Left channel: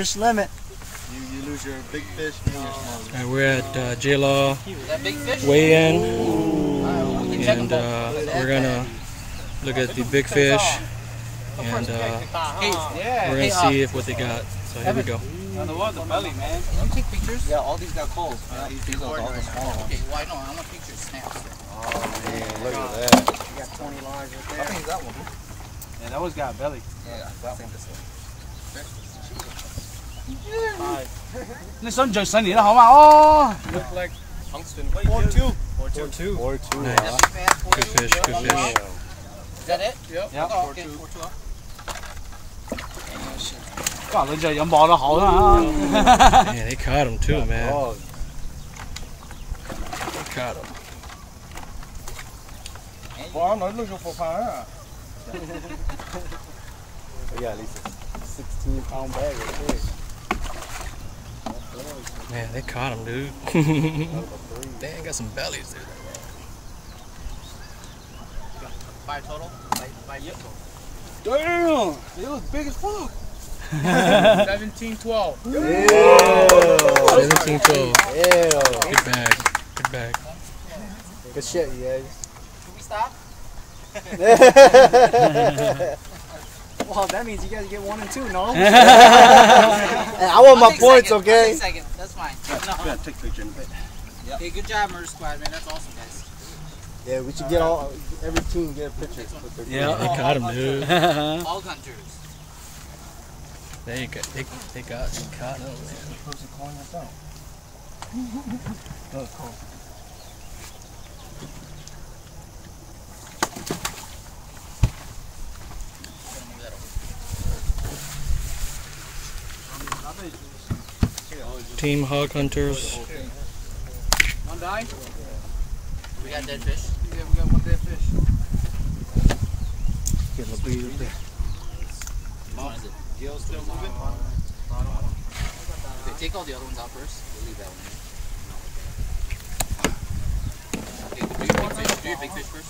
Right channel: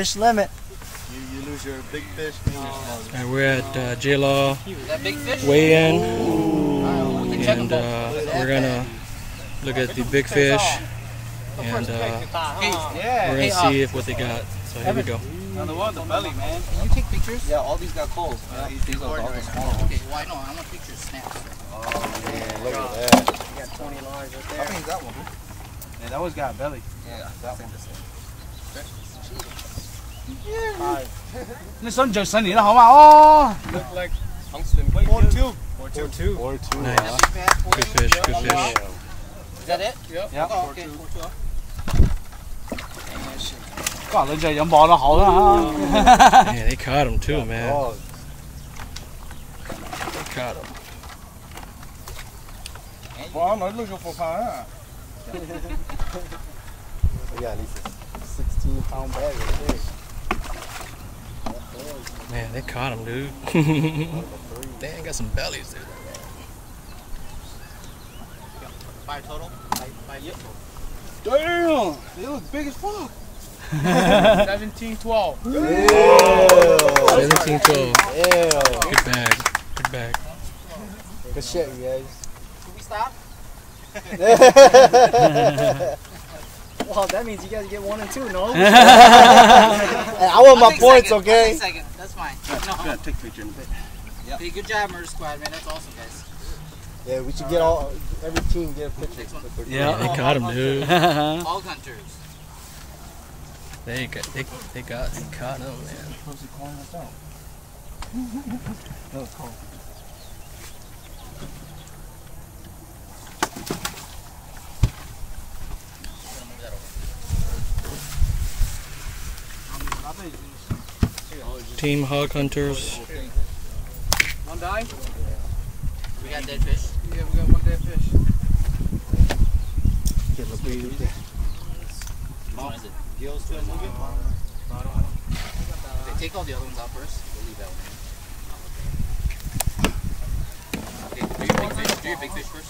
Fish limit. You lose your big fish. And we're at J-Law weigh-in, and we're gonna look at the big fish, and we're gonna see if what they got. So here we go. On the one, the belly, man. Can you take pictures? Yeah, all these got calls. These are all the small ones. Okay, well I know. I want pictures snaps. Oh man, look at that. You got 20 large right there. I think that one. Yeah, that one's got a belly. Yeah, that one. This one just sunny, how about? Look like tungsten. 4-2. 4-2. 4-2. Nice. Good fish, good fish. Is that it? Yep. Yep. 4-2. 哇，你隻飲磅得好啦 Man, they caught him too, man. They caught him. 哇，你錄咗貨牌啊 We got at least a 16-pound bag right there. Man, they caught him, dude. They ain't got some bellies, dude. 5 total? 5 total. Damn! They look big as fuck. 17-12. 17-12. Yeah. Good bag. Good bag. Good shit, you guys. Should we stop? Well, that means you guys get 1 and 2, no? Hey, I want my points, second. okay? I'll take second. That's fine. No. Yeah, take a picture in a bit. Hey, good job, Murder Squad, man. That's awesome, guys. Yeah, we should get every team get a picture. Yeah, they caught him, dude. Hog hunters. They caught him, man. That was cool. Team Hog Hunters. One die? We got dead fish. Yeah, we got one dead fish. Getting a big right there. What is it? Gill's still moving? Okay, take all the other ones out first. We'll leave that one in. Okay, do your big fish first.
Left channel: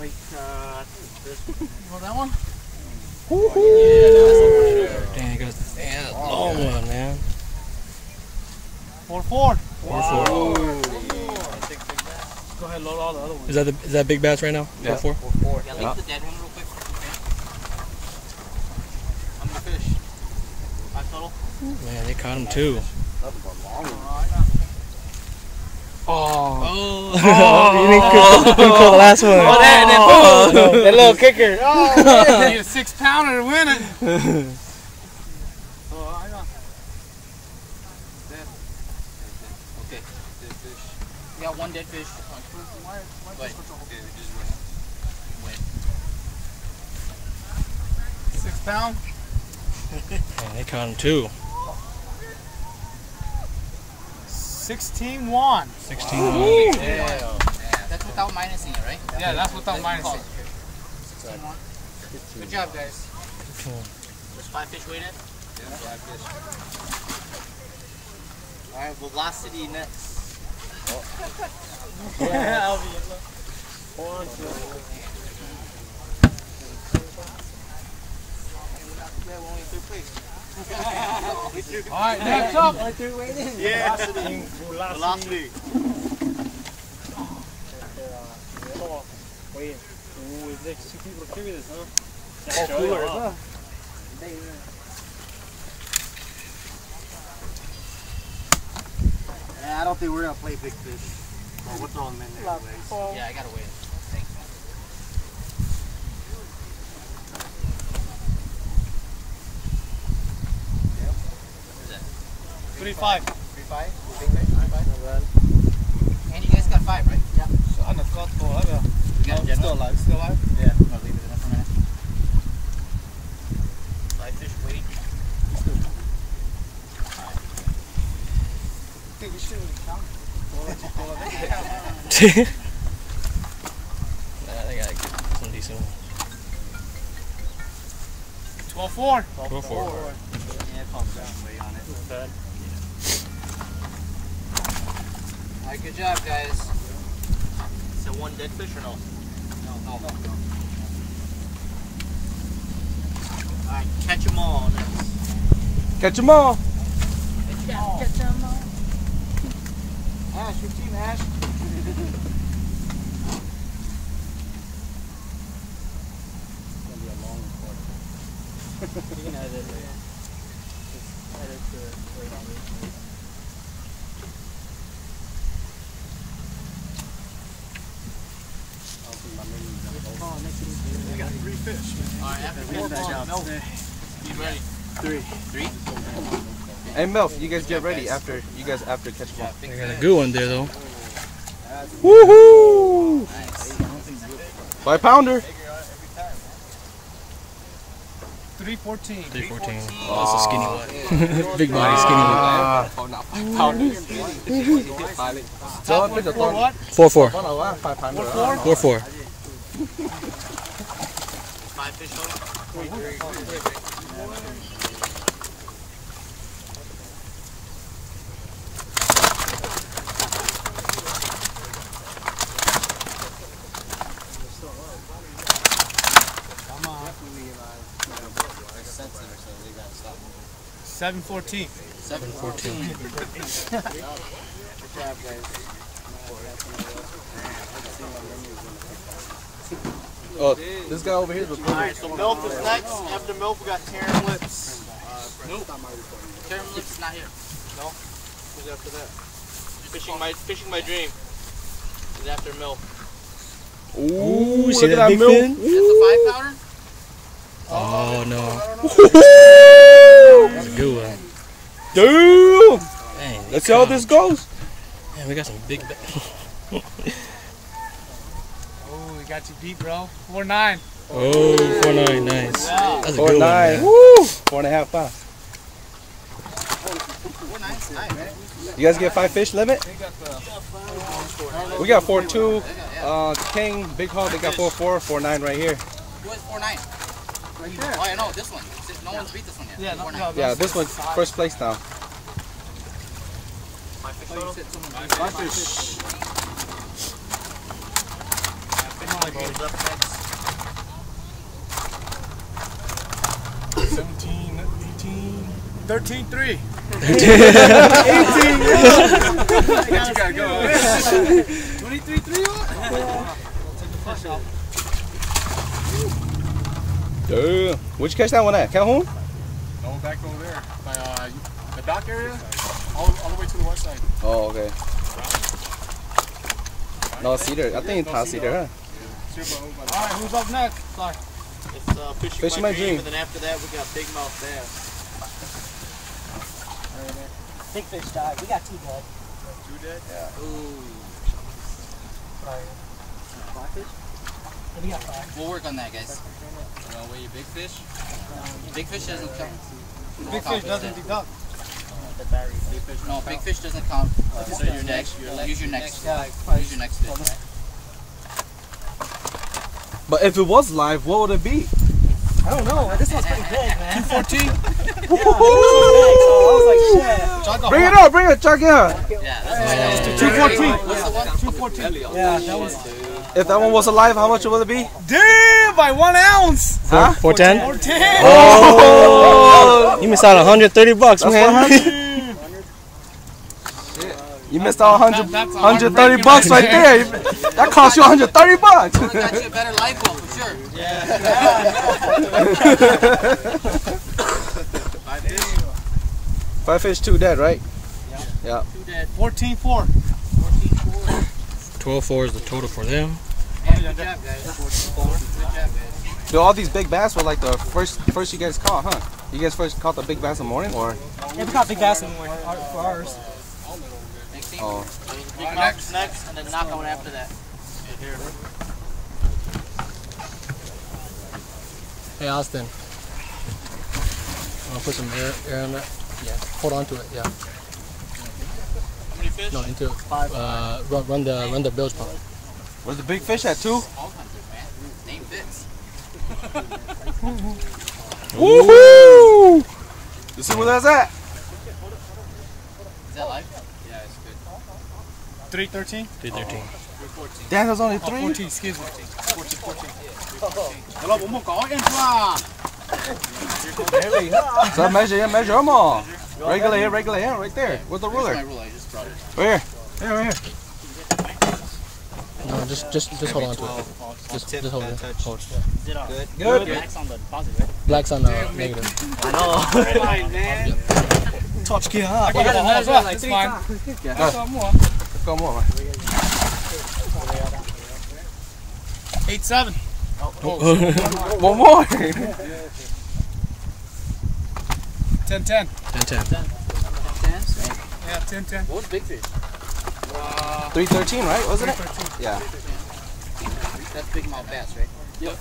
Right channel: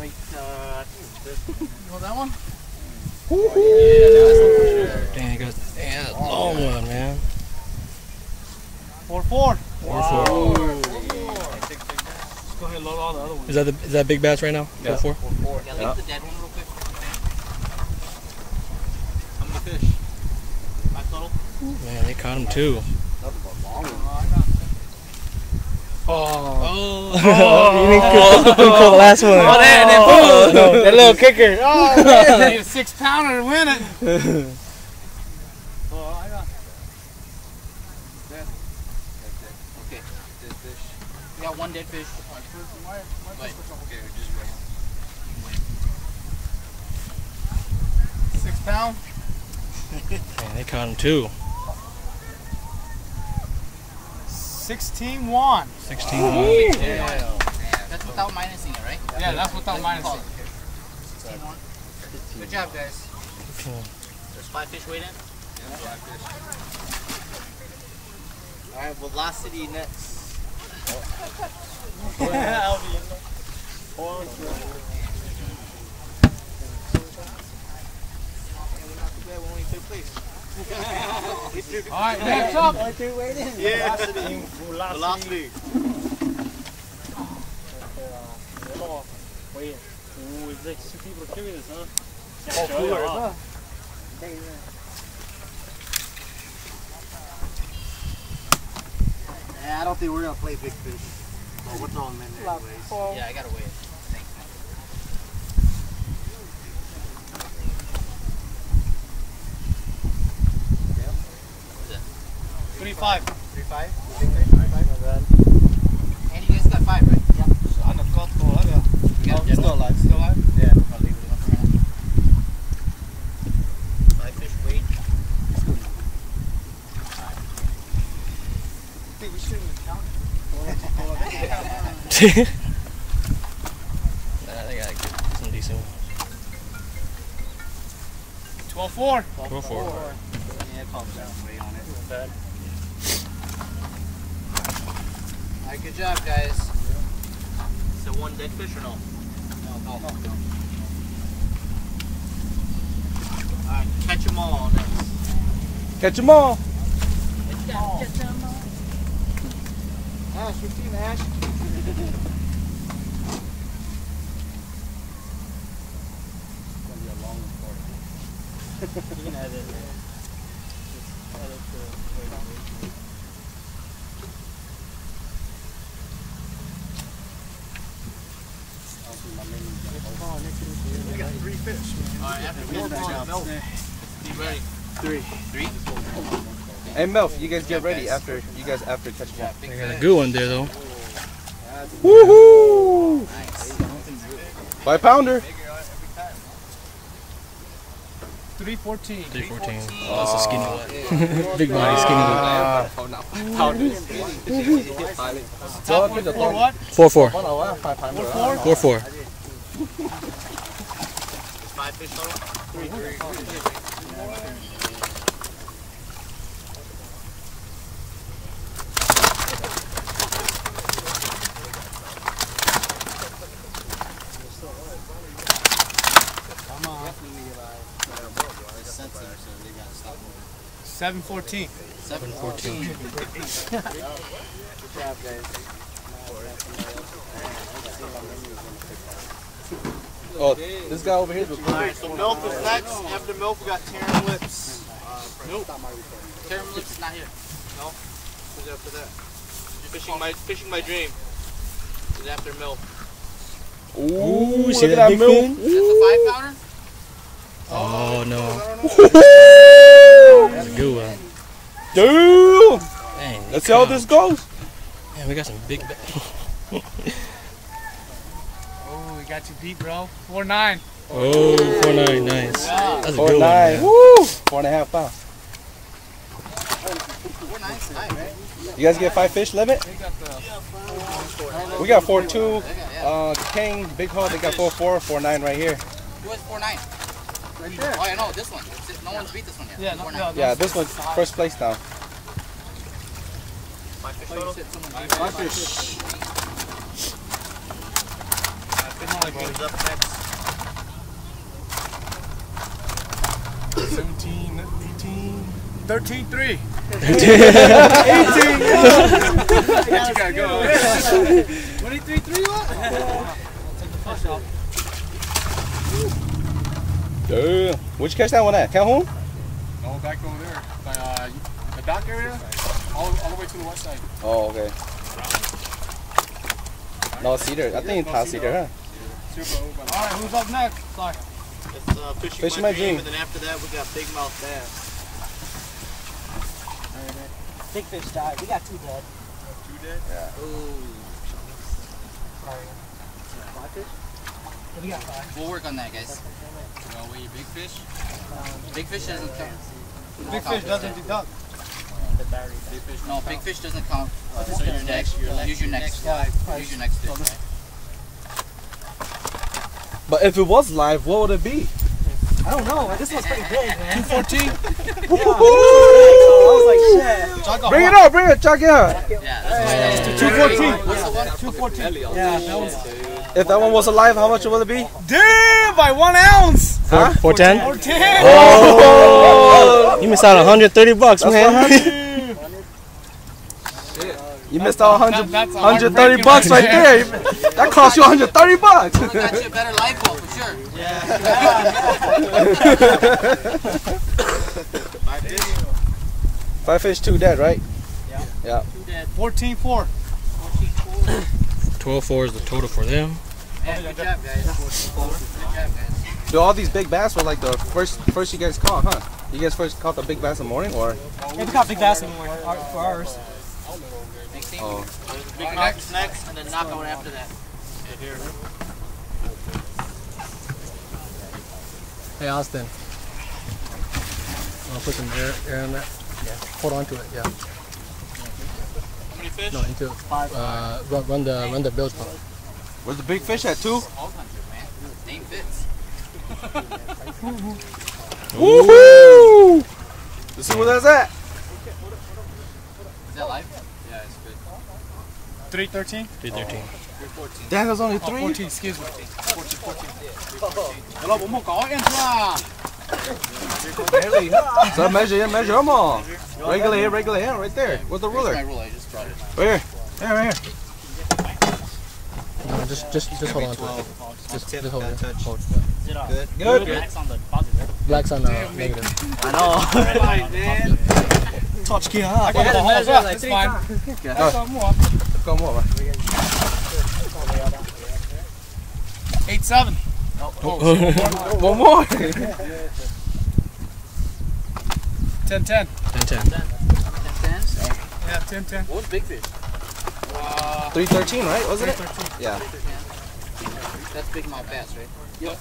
Wait, I think this. You want that one? Dang, he got a long one, man. 4-4. 4-4. Go ahead and load all the other ones. Is that big bass right now? 4-4. 4-4. Yeah, leave the dead one real quick. I'm the fish. 5 total. Man, they caught him too. Oh. You didn't call the last one. That little kicker. Oh, man. Need a 6-pounder to win it. Okay. Dead fish. We got 1 dead fish. Wait. Okay, we just win. 6 pound. Man, they caught him too. 16-1. 16-1. Yeah. That's without minusing it, right? Yeah, that's without minusing. 16-1. Good job, guys. There's 5 fish weighed in? Yeah, 5 fish. Alright, Velocity next. Alright, next up. Velocity. Velocity. I don't think we're gonna play big fish. Oh, we're throwing them in there anyways. Yeah, I gotta weigh it. Thanks, man. 3-5. 3-5? Big fish? 3-5? And you guys got 5, right? Yeah. Saan nagkotto lang ya? We got a dead Still one. alive. Still alive? Yeah. I'll leave it in there for a minute. 5 fish weighed. Hey, you shouldn't count. Nah, they got some decent ones. 12-4. 4-4. Yeah, pump that weight on it. Alright, good job, guys. So 1 dead fish or no? No. Alright, catch them all next. Catch them all. Ash, your team, Ash. You can edit it. Just edit the way We got 3 fish. Alright, after milk. You ready? 3. 3? Hey, Melf, you guys Good get job, ready guys. after catch them all. Big I got a fish. good one there though. Woohoo! Nice. 5 pounder. 314. 314. Oh, that's a skinny one. Big body, skinny one. 4 what? 4-4. 4? 4-4. 5 fish total? Come on. It's sensitive, so they gotta stop moving. 714. 714. Good job, guys. Oh, this guy over here is recording. Alright, so milk is next. After milk, we got Terran Lips. Nope. Terran Lips is not here. No? Who's after that? Fishing my dream. Is after milk. Ooh, see look that at big milk. fin? Is that the 5 pounder? Oh no. That's a good one. Damn! Dang, they Let's see how come. this goes. Man, we got some big. Oh, we got you beat, bro. 4-9. Oh, 4-9, nice. That's a good one, 4-9. man. Woo! 4.5 pounds. 4 nice, nice. You guys get 5 fish limit? They got the We got 4.2. King, Big Hog, they got 4.4, 4.9 right here. Who has 4-9? Oh, I know, this one. No one's beat this one yet. Yeah, no, 4-9. Yeah, this one's first place now. 5 fish. Game's up next. 17, 18, 13, 3. 18, You gotta go. 23, 3 Where'd you catch that one at? Calhoun? No, back over there. By the dock area. All the way to the west side. Oh, okay. No, Cedar. I think it's Cedar, huh? Alright, who's up next? Sorry. It's Fishing My Dream. And then after that, we got Big Mouth Bass. Big fish died. We got 2 dead. 2 dead? Yeah. Ooh. Yeah, we got 5. We'll work on that, guys. You want to weigh your big fish? Big fish doesn't count. Big fish doesn't deduct. Big fish. No, big fish doesn't count. So your next. Use your next. Yeah, Use your next fish, right? But if it was live, what would it be? I don't know. This one's pretty big, man. 214? Yeah, this one's big, so I was like, shit. Bring it up, bring it, check it out. Yeah, that's right. 214. What's the one? 214. Yeah, that was. If that one was alive, how much would it be? Damn, by 1 ounce. 410? 410. Oh, you missed out $130, man. You missed out 100, That's a 130 heartbreaking bucks right there. That cost you 130 bucks. I got you a better life well for sure. Five fish, 2 dead, right? Yeah. 2 dead. 14-4. 14-4. 12-4 is the total for them. Yeah, good job, guys. Good job, guys. Do all these big bass were like the first you guys caught, huh? You guys first caught the big bass in the morning, or? Yeah, we got big bass anyway for ours. Next team. Oh. Big Mouth next, and then knockout after that. Hey, Austin. I'll put some air on that. Yeah. Hold on to it, yeah. How many fish? No, into it. Run the bilge pump. Where's the big fish at, 2? 1,200, man. Name fits. Woohoo! You see where that's at? Is that live? Yeah, it's good. 313? 313. Daniel's only Oh, 3? 14, excuse me. 14. Hello, 我们搞 intro 啊 So measure them all. Regular here, right there. With the ruler. My ruler, I just brought it. Right here. Right here. No, just hold on to it. Just hold it. Hold it. Good. Black's on the positive, right? Black's on the negative. I know. Touch key, huh? Go more, man. 8-7. One more. 10-10. 10-10. 10? Yeah, 10-10. What was big fish? 313, right? Wasn't it? Yeah. That's big mouth bass, right? Yep.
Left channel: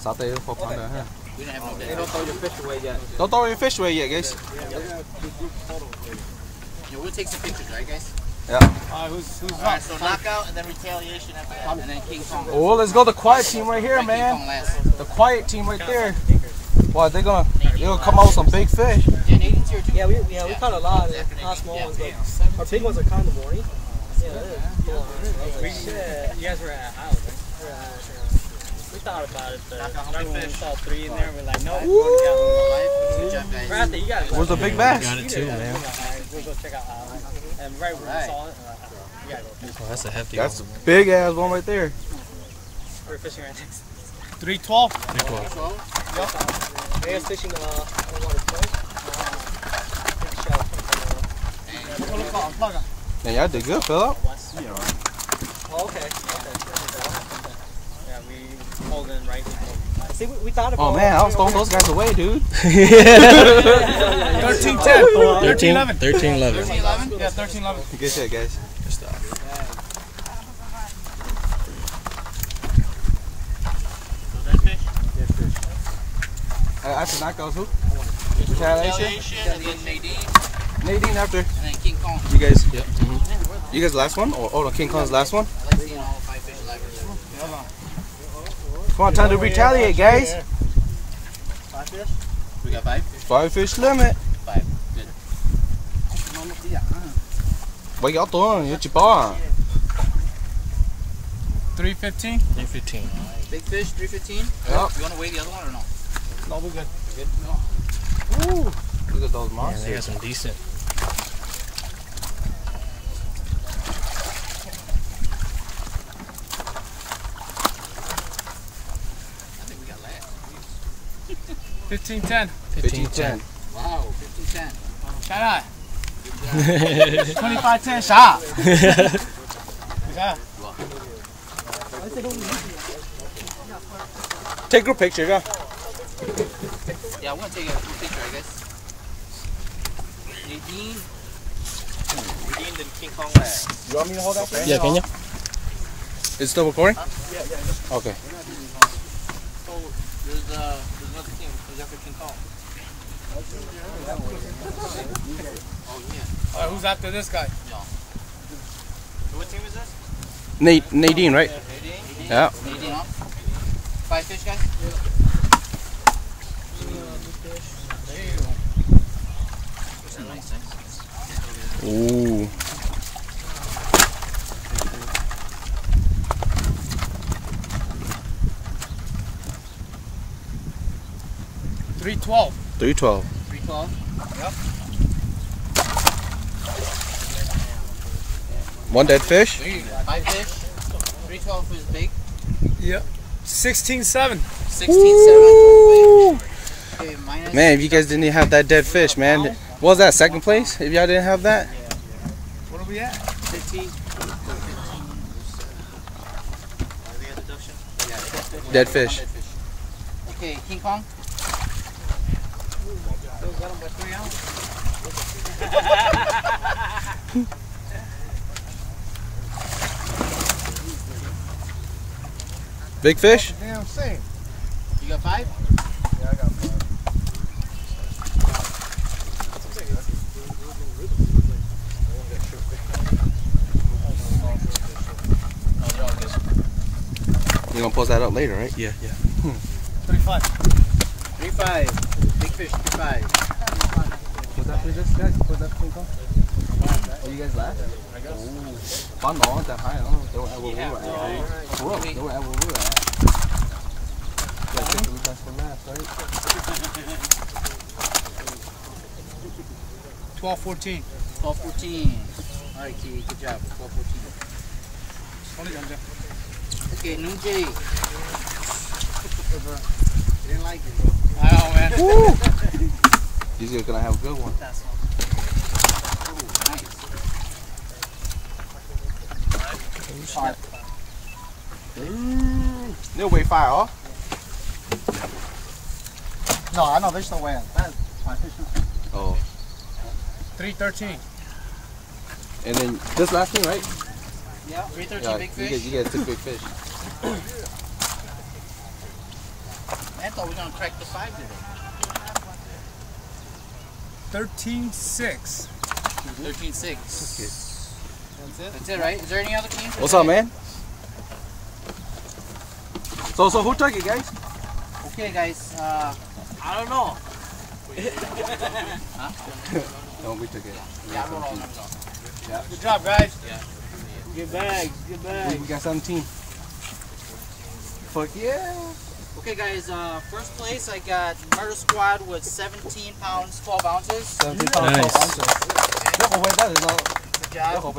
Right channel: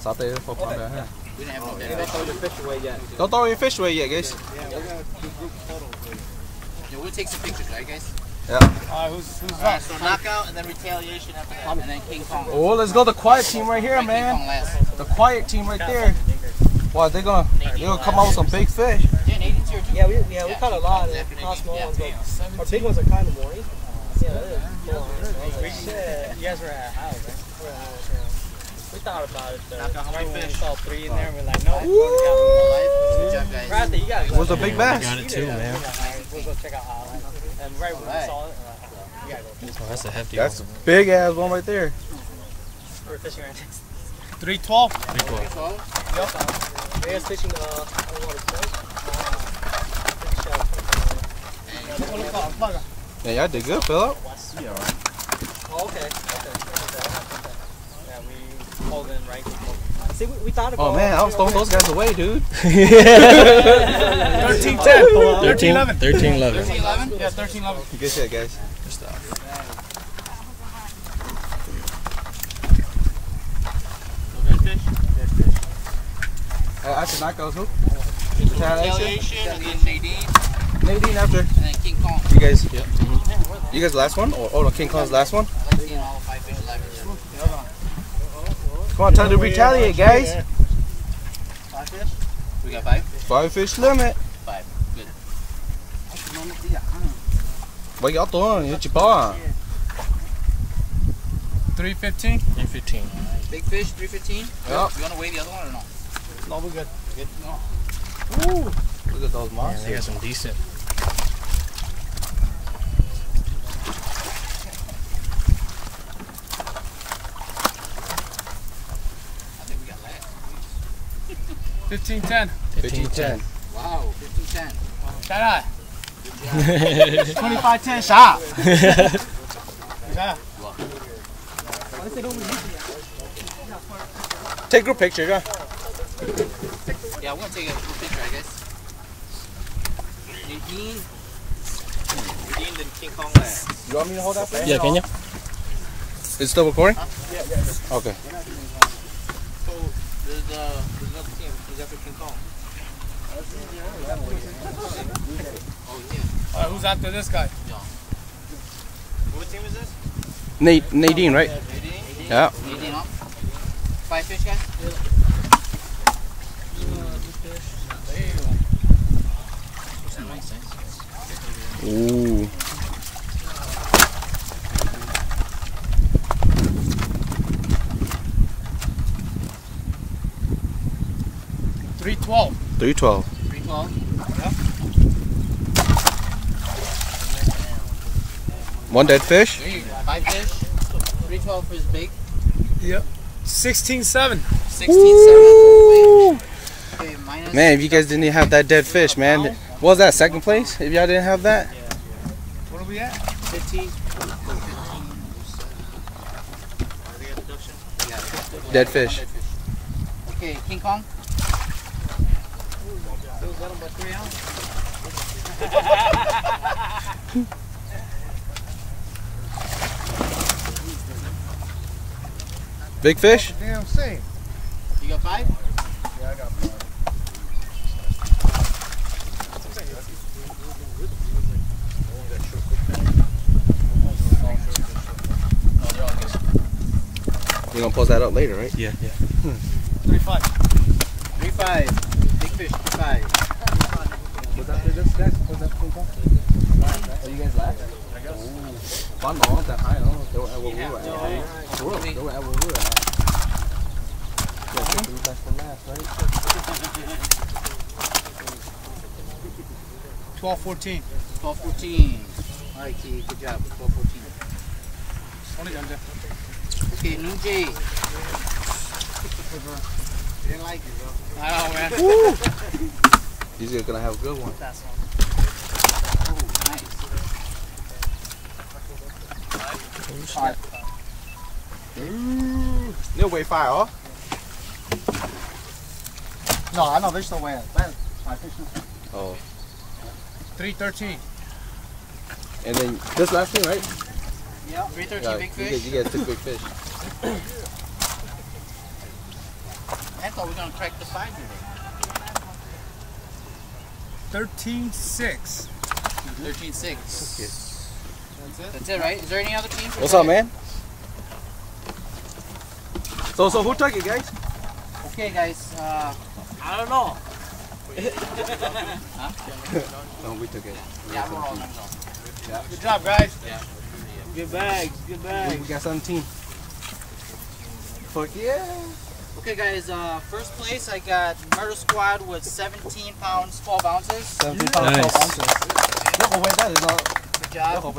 Stop there. Focus on that. We didn't have no dead Don't throw your fish away yet. Don't throw your fish away yet, guys. Yeah, we'll take some pictures, right, guys? Yeah. Who's Alright, so knockout and then retaliation after that, and then King Kong. Oh, let's go the quiet team right here, King Kong man. last. The quiet team right there. Wow, they're gonna come out with some big fish. Yeah, Nathan's here too. Yeah, we caught a lot of small ones, but our big ones are kind of boring. Shit. You guys were at Iowa, right? We thought about it. Remember when we saw 3 in there? We're like, no. Good job, guys. Bradley, you guys. It was a big bass. Got it too, man. We'll go check out Iowa. And right when we saw it, we gotta go. Oh, that's a hefty That's one. a big ass one right there. We're fishing right next. 3-12. 312. We was fishing, I don't know what it's called. Yeah, y'all did good, Philip. Oh, okay. Yeah, we pulled in right. See, we thought about. Oh man, I was throwing those guys away, dude. 13-10. 13-11. 13-11. 13-11? Yeah, 13-11. Good shit, guys. Good stuff. After knockouts, who? Retaliation, and then Nadine, Nadine after. and then King Kong. You guys. Yep. You guys last one? Or King Kong's last one? I like seeing all 5 fish alive. Come on, time to retaliate, guys. 5 fish? We got 5? 5 fish limit. 5. Good. What y'all throwing? Hit your paw. 3-15. 315. Big fish, 315. Yep. You want to weigh the other one or no? No, we're good. Good. No. Look at those Man, monsters. they got some decent. I think we got last. 15-10. 15-10. Wow, 15-10. Shout out. 25-10 shot. Take a picture, yeah. Yeah, I want to take a full picture, I guess. Nadine. Nadine and King Kong last. You want me to hold that for you? Yeah, can you? It's still recording? Yeah. Okay. So, there's another team. Is after King Kong? Oh, yeah. Alright, who's after this guy? What team is this? Nadine, right? Nadine? Yeah. Nadine off. 5 fish, guys? Ooh. $3.12. 312. 312. Yep. One dead fish. 5 fish. 312 is big. Yep. 16-7. 16-7. Okay, minus. Man, if you guys didn't have that dead fish, man. What was that, second place? If y'all didn't have that? What are we at? 15. Dead fish. Okay, King Kong. Big fish? Damn same. You got 5? Yeah, I got 5. We're gonna post that up later, right? Yeah, yeah. 35. 3-5. Big fish, 3-5. What's after this, guys? What's that King Kong? Are you guys last? Fun, not that high, huh? They were at where we were at. For real, they were at where we were at. $12.14. 12.14. All right, T. Good job. 12.14. Only John Jeff. Okay, Nunjay. Didn't like it though. I know, man. These are gonna have a good one. That's one. Oh, nice. Alright. They'll weigh 5, huh? No, I know there's no way. My fish is Oh. 3.13. And then this last thing, right? Yeah. 313 Yeah, big fish. You guys took big fish. I thought we were gonna crack the 5 today. 13.6. 13.6. That's it, right? Is there any other teams? What's up, man? So who took it, guys? Okay, guys. I don't know. No, we took it. Yeah, we're all Good job, guys. good bags, good bags. We got 17. Fuck yeah. Okay, guys. First place, I got Murder Squad with 17 pounds, 12 ounces. 17 pounds, Nice. 12 ounces. Good job.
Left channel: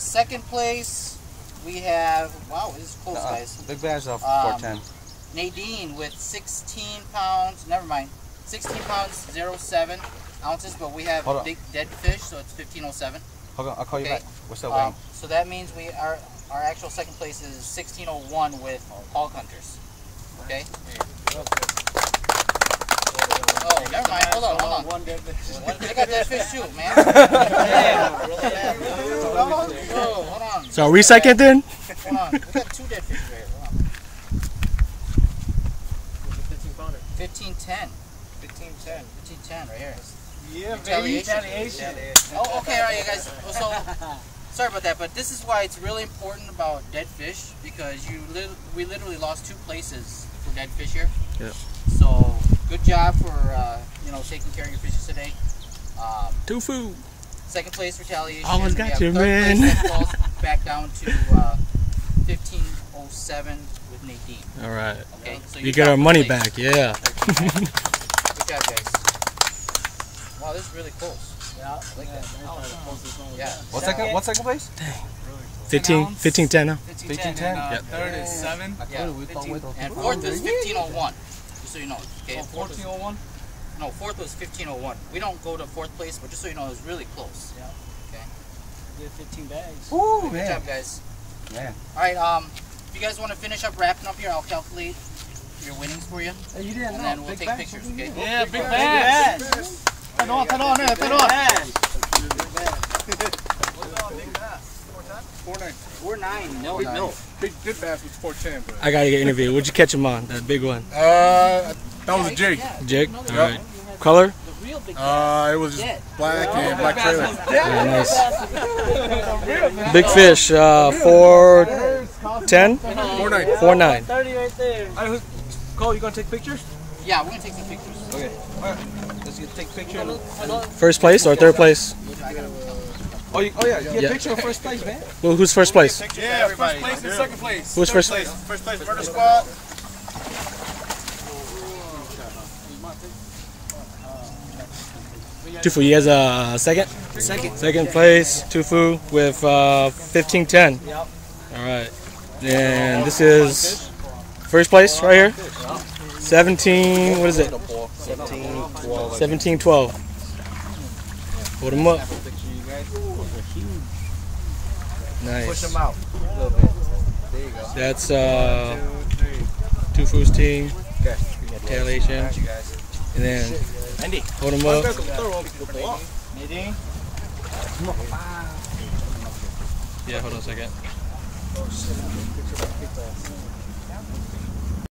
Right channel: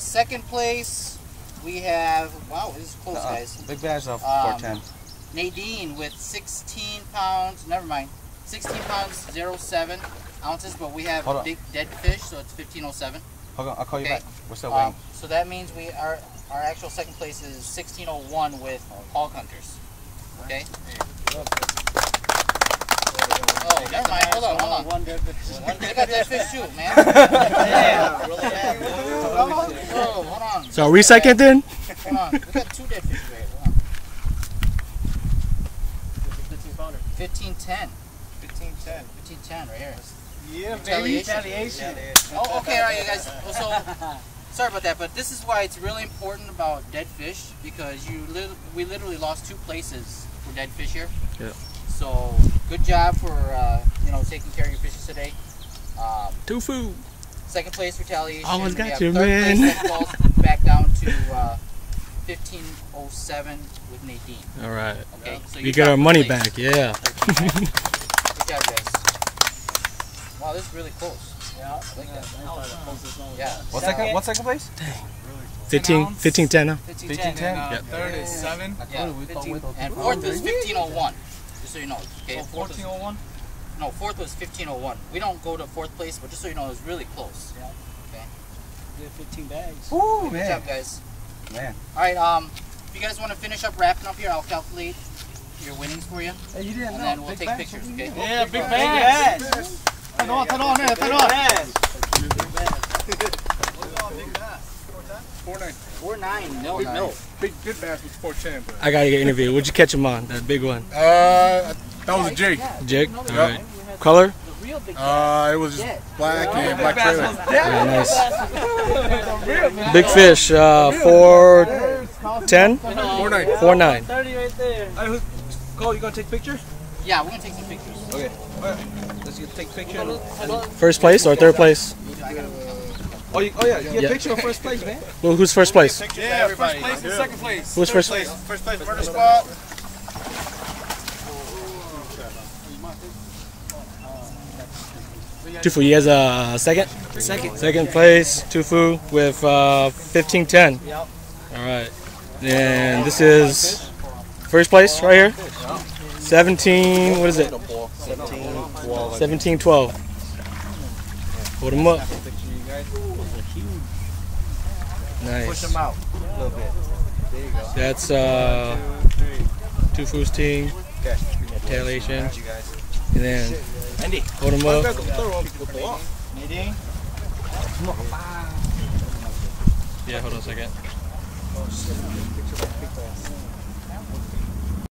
Second place, we have. Wow, this is close, guys. Big bags of 410. Nadine with 16 pounds. Never mind. 16 pounds, 0.7 ounces, but we have Hold on. big dead fish, so it's 15.07. Hold on, I'll call you Okay. back. What's up, So that means our actual second place is 16.01 with hog hunters. Okay. Oh, never mind. Hold on. One dead fish. They got dead fish too, man. Yeah. Oh, hold on. So are we second then? Hold on. We got 2 dead fish right here. Hold on. 1510. 1510 right here. Yeah, Retaliation. Oh, okay, all right, you guys. So, sorry about that, but this is why it's really important about dead fish, because we literally lost 2 places for dead fish here. Yeah. So, good job for taking care of your fishes today. Tofu. Second place, retaliation. Almost got We have you, third man. place, that falls back down to 15.07 with Nadine. All right. Okay, so We get our dropped money place. back. Yeah. Good job, guys. Wow, this is really close. Yeah. I like that. Yeah. What's second place? 15-10 now. 1510. Yep. Third is 7. Yeah. And fourth was 15.01. Just so you know. Okay. Fourth was, 14.01. no, fourth was 15.01. We don't go to fourth place, but just so you know, it was really close. Yeah. Okay. Did 15 bags. Ooh, Good man. job, guys. Man. All right. If you guys want to finish up wrapping up here, I'll calculate your winnings for you, Hey, you didn't and know. then we'll Big take bags. pictures. Okay. Yeah, big bags. Turn on there. 4.9. 4.9. No. Big good bass was 4.10. But I gotta get interviewed. What'd you catch him on? That big one. that was a jig. Jig. All right. Color? It was just black and black trailer. Yeah, nice. Big fish. 410. 4.9. 4.9. 30 right there. Cole, you gonna take pictures? Yeah, we're gonna take some pictures. Okay. Alright. Let's take a picture. First place or third place? I gotta. Oh yeah. Get Yeah. a picture of first place, man. Well, who's first place? Pictures for everybody. First place and second place. Who's first? First place, Murder Squad. Tufu, you guys second? Second place, Tufu with 1510. Yep. All right. And this is first place right here. 17. What is it? 1712. Hold them up. Nice. out a little bit. There you go. That's Tufu's team. Retaliation. And then hold them up. Nadine? Yeah, hold on a second.